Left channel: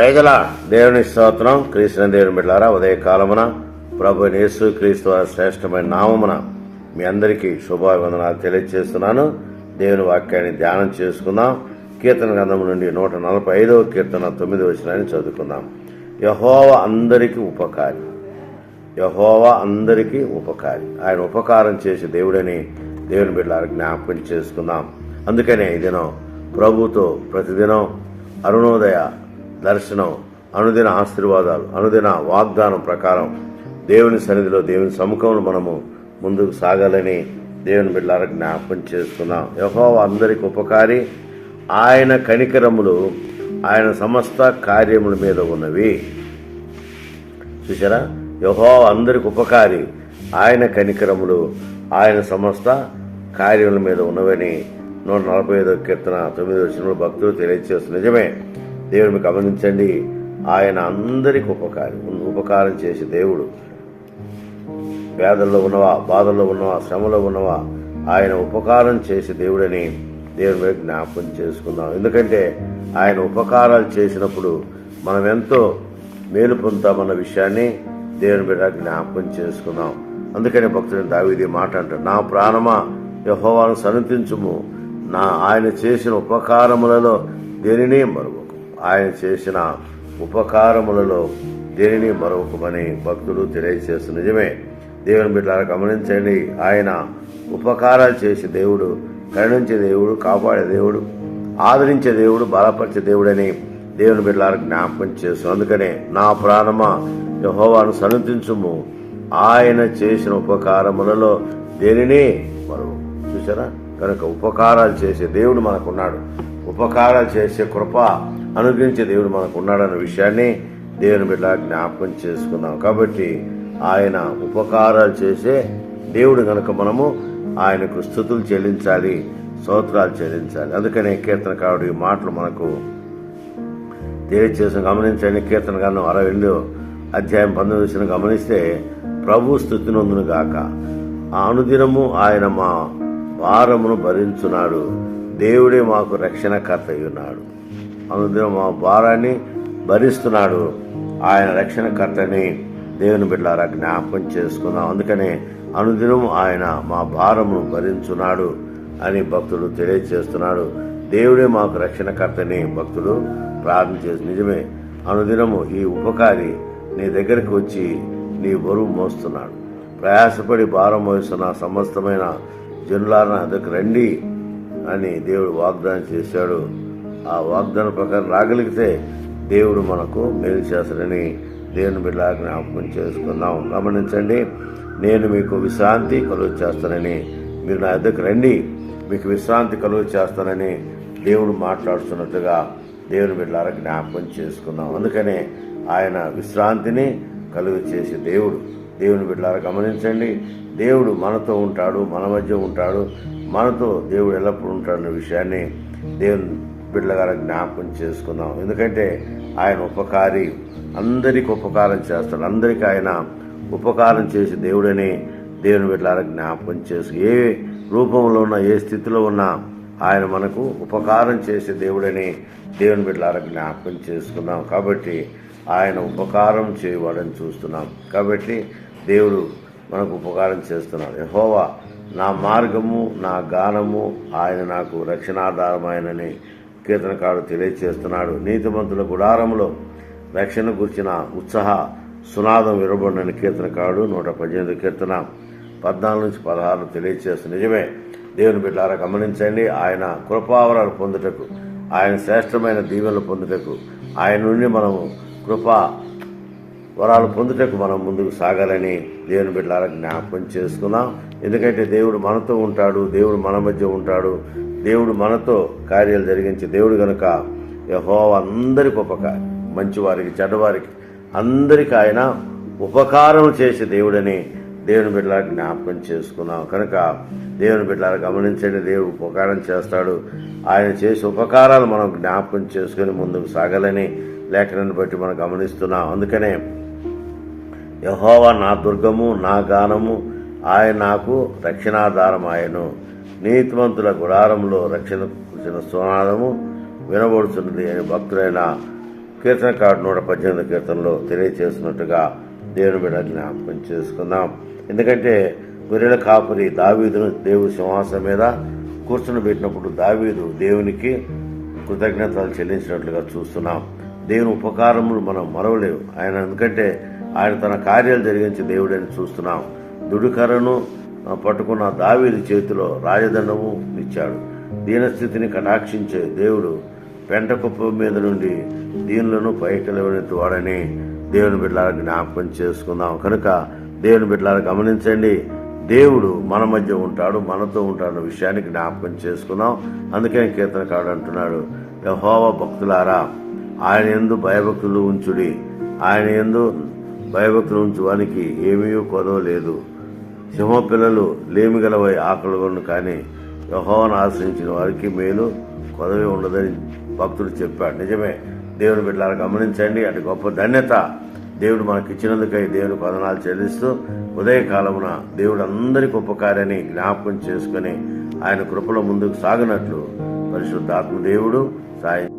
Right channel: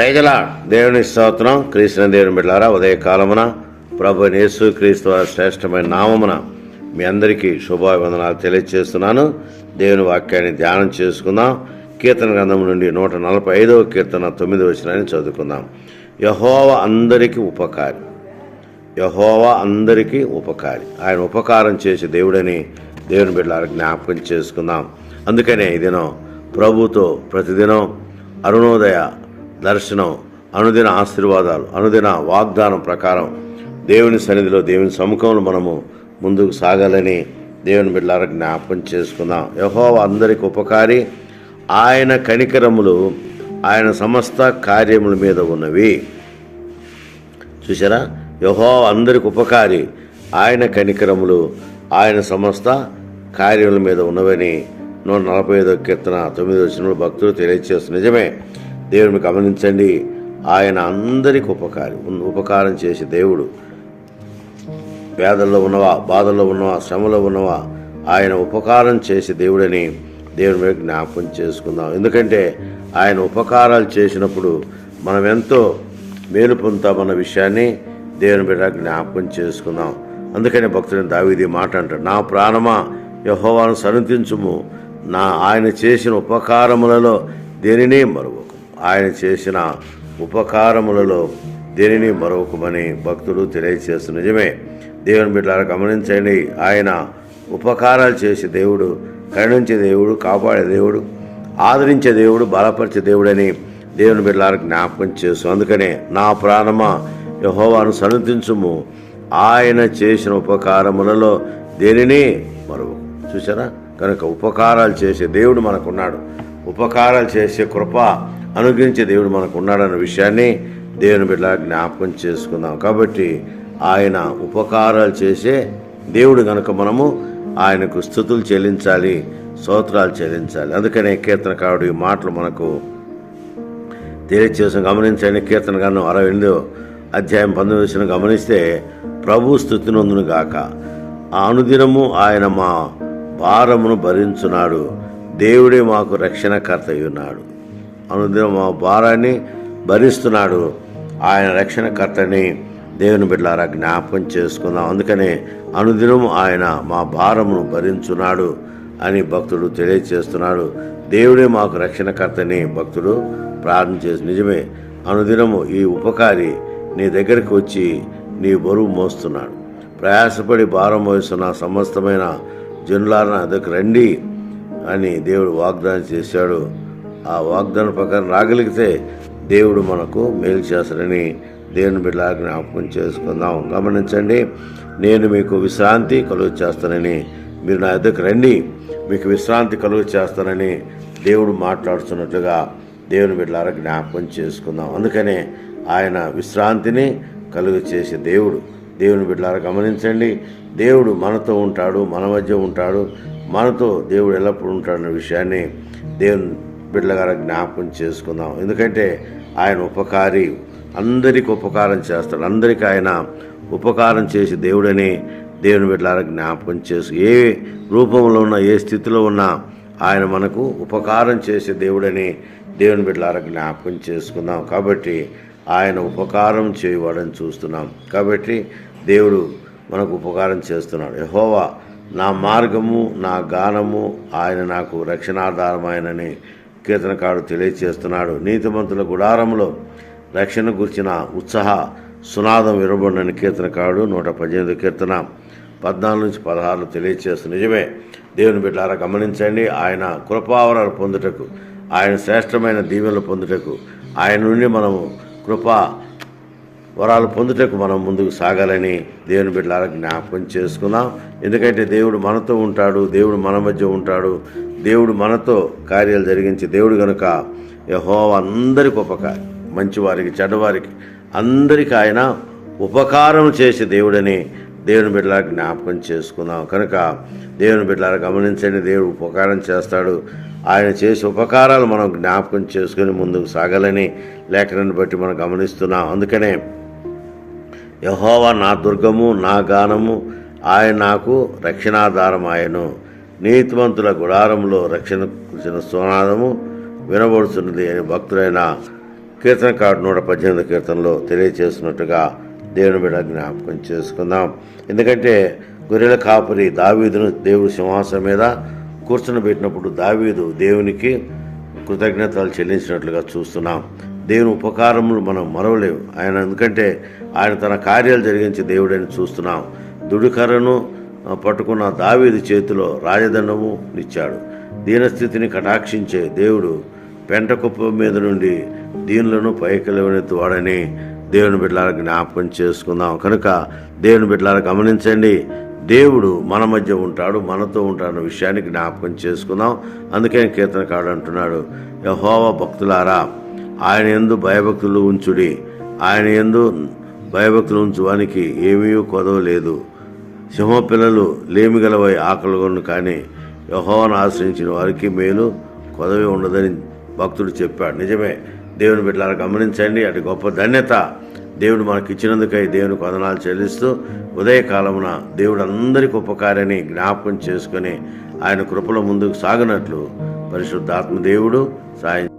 ప్రజల దేవుని స్తోత్రం క్రీస్తున దేవుని బిడ్డారా ఉదయ కాలమున ప్రభు యేసు క్రీస్తు శ్రేష్టమైన నామమున మీ అందరికీ శుభాభివందనాలు తెలియజేస్తున్నాను దేవుని వాక్యాన్ని ధ్యానం చేసుకుందాం. కీర్తన గ్రంథం నుండి నూట నలభై ఐదవ కీర్తన తొమ్మిది వచ్చినాన్ని చదువుకుందాం. యహోవ అందరికీ ఉపకారి. యహోవ అందరికీ ఉపకారి. ఆయన ఉపకారం చేసే దేవుడని దేవుని బిడ్డల జ్ఞాపకం చేసుకుందాం. అందుకనే ఈ దినం ప్రభుతో ప్రతిదినం అరుణోదయ దర్శనం అనుదిన ఆశీర్వాదాలు అనుదిన వాగ్దానం ప్రకారం దేవుని సన్నిధిలో దేవుని సముఖంలో మనము ముందుకు సాగాలని దేవుని బిడ్డల జ్ఞాపకం చేసుకుందాం. యహోవా అందరికి ఉపకారి. ఆయన కనికరములు ఆయన సమస్త కార్యముల మీద ఉన్నవి. చూసారా యహో అందరికి ఉపకారి. ఆయన కనికరములు ఆయన సమస్త కార్యముల మీద ఉన్నవని నూట నలభై ఐదో కీర్తన తొమ్మిది వచ్చిన భక్తులు తెలియజేస్తున్న నిజమే. దేవుని గమనించండి. ఆయన అందరికి ఉపకారి ఉపకారం చేసే దేవుడు. వేదల్లో ఉన్నవా బాధల్లో ఉన్నవా శ్రమలో ఉన్నవా ఆయన ఉపకారం చేసే దేవుడని దేవుని మీద జ్ఞాపకం చేసుకుందాం. ఎందుకంటే ఆయన ఉపకారాలు చేసినప్పుడు మనం ఎంతో మేలు పొందుతామన్న విషయాన్ని దేవుని బిడ్డ జ్ఞాపకం చేసుకుందాం. అందుకనే భక్తుడిని దావీది మాట అంటాడు నా ప్రాణమా యహోవాను సన్నతించుము నా ఆయన చేసిన ఉపకారములలో దేనినే మరువు ఆయన చేసిన ఉపకారములలో దేనిని మరొకమని భక్తులు తెలియజేస్తు నిజమే. దేవుని బిడ్డలారా గమనించండి ఆయన ఉపకారాలు చేసే దేవుడు కరుణించే దేవుడు కాపాడే దేవుడు ఆదరించే దేవుడు బలపరిచే దేవుడని దేవుని బిడ్డలారా జ్ఞాపకం చేస్తూ అందుకనే నా ప్రాణమా యహోవాను సన్నతించుము ఆయన చేసిన ఉపకారములలో దేనిని మరొక. చూసారా కనుక ఉపకారాలు చేసే దేవుడు మనకున్నాడు. ఉపకారాలు చేసే కృప అనుగ్రహించే దేవుడు మనకు ఉన్నాడన్న విషయాన్ని దేవుని బిడ్డ జ్ఞాపకం చేసుకుందాం. కాబట్టి ఆయన ఉపకారాలు చేసే దేవుడు కనుక మనము ఆయనకు స్థుతులు చెల్లించాలి స్తోత్రాలు చెల్లించాలి. అందుకనే కీర్తనకారుడు ఈ మాటలు మనకు తెలియచేసిన గమనించండి. కీర్తన గాను అరవై ఎనిమిదో అధ్యాయం పంతొమ్మిది వచ్చిన గమనిస్తే ప్రభు స్థుతినందును గాక ఆ అనుదినము ఆయన మా భారమును భరించున్నాడు. దేవుడే మాకు రక్షణకర్త ఉన్నాడు అనుదినం మా భారాన్ని భరిస్తున్నాడు. ఆయన రక్షణకర్తని దేవుని బిడ్డలారా జ్ఞాపకం చేసుకుందాం. అందుకనే అనుదినం ఆయన మా భారమును భరించున్నాడు అని భక్తుడు తెలియచేస్తున్నాడు. దేవుడే మాకు రక్షణకర్తని భక్తుడు ప్రార్థన చేసి నిజమే అనుదినము ఈ ఉపకారి నీ దగ్గరికి వచ్చి నీ బరువు మోస్తున్నాడు. ప్రయాసపడి భారం మోస్తున్న సమస్తమైన జనులారన అదకు రండి. అని దేవుడు వాగ్దానం చేశాడు. ఆ వాగ్దానం ప్రకారం రాగలిగితే దేవుడు మనకు మేలు చేస్తాడని దేవుని బిడ్డ జ్ఞాపకం చేసుకుందాం. గమనించండి నేను మీకు విశ్రాంతి కలుగు చేస్తానని మీరు నా ఎద్దకు రండి మీకు విశ్రాంతి కలుగు చేస్తానని దేవుడు మాట్లాడుతున్నట్లుగా దేవుని బిడ్డలారా జ్ఞాపకం చేసుకుందాం. అందుకనే ఆయన విశ్రాంతిని కలుగు చేసే దేవుడు. దేవుని బిడ్డలారా గమనించండి దేవుడు మనతో ఉంటాడు మన మధ్య ఉంటాడు మనతో దేవుడు ఎల్లప్పుడూ ఉంటాడన్న విషయాన్ని దేవుని బిడ్డగారా జ్ఞాపకం చేసుకుందాం. ఎందుకంటే ఆయన ఉపకారి అందరికి ఉపకారం చేస్తాడు. అందరికీ ఆయన ఉపకారం చేసి దేవుడని దేవుని బిడ్డలారా జ్ఞాపకం చేసు ఏ రూపంలో ఉన్నా ఏ స్థితిలో ఉన్నా ఆయన మనకు ఉపకారం చేసే దేవుడని దేవుని బిడ్డలారా జ్ఞాపకం చేసుకుందాం. కాబట్టి ఆయన ఉపకారం చేయవాడని చూస్తున్నాం. కాబట్టి దేవుడు మనకు ఉపకారం చేస్తున్నాడు. యహోవా నా మార్గము నా గానము ఆయన నాకు రక్షణాధారమైనని కీర్తనకాడు తెలియచేస్తున్నాడు. నీతిమంతుల గుడారంలో రక్షణ గుర్చిన ఉత్సాహ సునాదం విరబడిన కీర్తనకాడు నూట పద్దెనిమిది కీర్తన పద్నాలుగు నుంచి పదహారు తెలియచేస్తుంది నిజమే. దేవుని బిడ్డారా గమనించండి ఆయన కృపావరాలు పొందుటకు ఆయన శ్రేష్టమైన దీవెనలు పొందుటకు ఆయన నుండి మనము కృపా వరాలు పొందుటకు మనం ముందుకు సాగాలని దేవుని బిడ్డల జ్ఞాపకం చేసుకుందాం. ఎందుకంటే దేవుడు మనతో ఉంటాడు దేవుడు మన మధ్య ఉంటాడు దేవుడు మనతో కార్యాలు జరిగించి దేవుడు గనుక యహో అందరికి ఉపకారం మంచివారికి చెడ్డవారికి అందరికి ఆయన ఉపకారం చేసే దేవుడని దేవుని బిడ్డలారా జ్ఞాపకం చేసుకుందాం. కనుక దేవుని బిడ్డలారా గమనించండి దేవుడు ఉపకారం చేస్తాడు. ఆయన చేసే ఉపకారాలు మనం జ్ఞాపకం చేసుకుని ముందుకు సాగాలని లేఖనాన్ని బట్టి మనం గమనిస్తున్నాం. అందుకనే యహోవా నా దుర్గము నా గానము ఆయన నాకు రక్షణాధారం ఆయను నీతివంతుల గుడారంలో రక్షణ కూర్చిన సోనాదము వినబడుతున్నది అని భక్తుడైన కీర్తనకారుడు నూట పద్దెనిమిది కీర్తనలో తెలియచేస్తున్నట్టుగా దేవుని బిడ్డ జ్ఞాపకం చేసుకుందాం. ఎందుకంటే గొర్రెల కాపరి దావీదును దేవుడి సింహాసనం మీద కూర్చుని పెట్టినప్పుడు దావీదు దేవునికి కృతజ్ఞతలు చెల్లించినట్లుగా చూస్తున్నాం. దేవుని ఉపకారములు మనం మరవలేవు. ఆయన ఎందుకంటే ఆయన తన కార్యాలు జరిగించే దేవుడని చూస్తున్నాం. దుడుకరను పట్టుకున్న దావీది చేతిలో రాజదండము ఇచ్చాడు దీనస్థితిని కటాక్షించే దేవుడు పెంట మీద నుండి దీనులను పైకి లేవనెత్తువాడని దేవుని బిడ్డలారా జ్ఞాపకం చేసుకుందాం. కనుక దేవుని బిడ్డలారా గమనించండి దేవుడు మన మధ్య ఉంటాడు మనతో ఉంటాడన్న విషయాన్ని జ్ఞాపకం చేసుకుందాం. అందుకే కీర్తనకాడు అంటున్నాడు యహోవ భక్తులారా ఆయన ఎందు భయభక్తులు ఉంచుడి. ఆయన ఎందు భయభక్తులు ఉంచువానికి ఏమీ కొదవలేదు సింహ పిల్లలు లేమిగలవై ఆకలిగొను కానీ యహోవను ఆశ్రయించిన వారికి మేలు కొదవి ఉండదని భక్తుడు చెప్పాడు. నిజమే. దేవుని బిడ్డలను గమనించండి. అటు గొప్ప ధన్యత దేవుడు మనకి ఇచ్చినందుకై దేవుని వదనాలు చెల్లిస్తూ ఉదయకాలమున దేవుడు అందరికి ఉపకార్యాన్ని జ్ఞాపకం చేసుకొని ఆయన కృపలో ముందుకు సాగినట్లు పరిశుద్ధాత్మ దేవుడు సాయం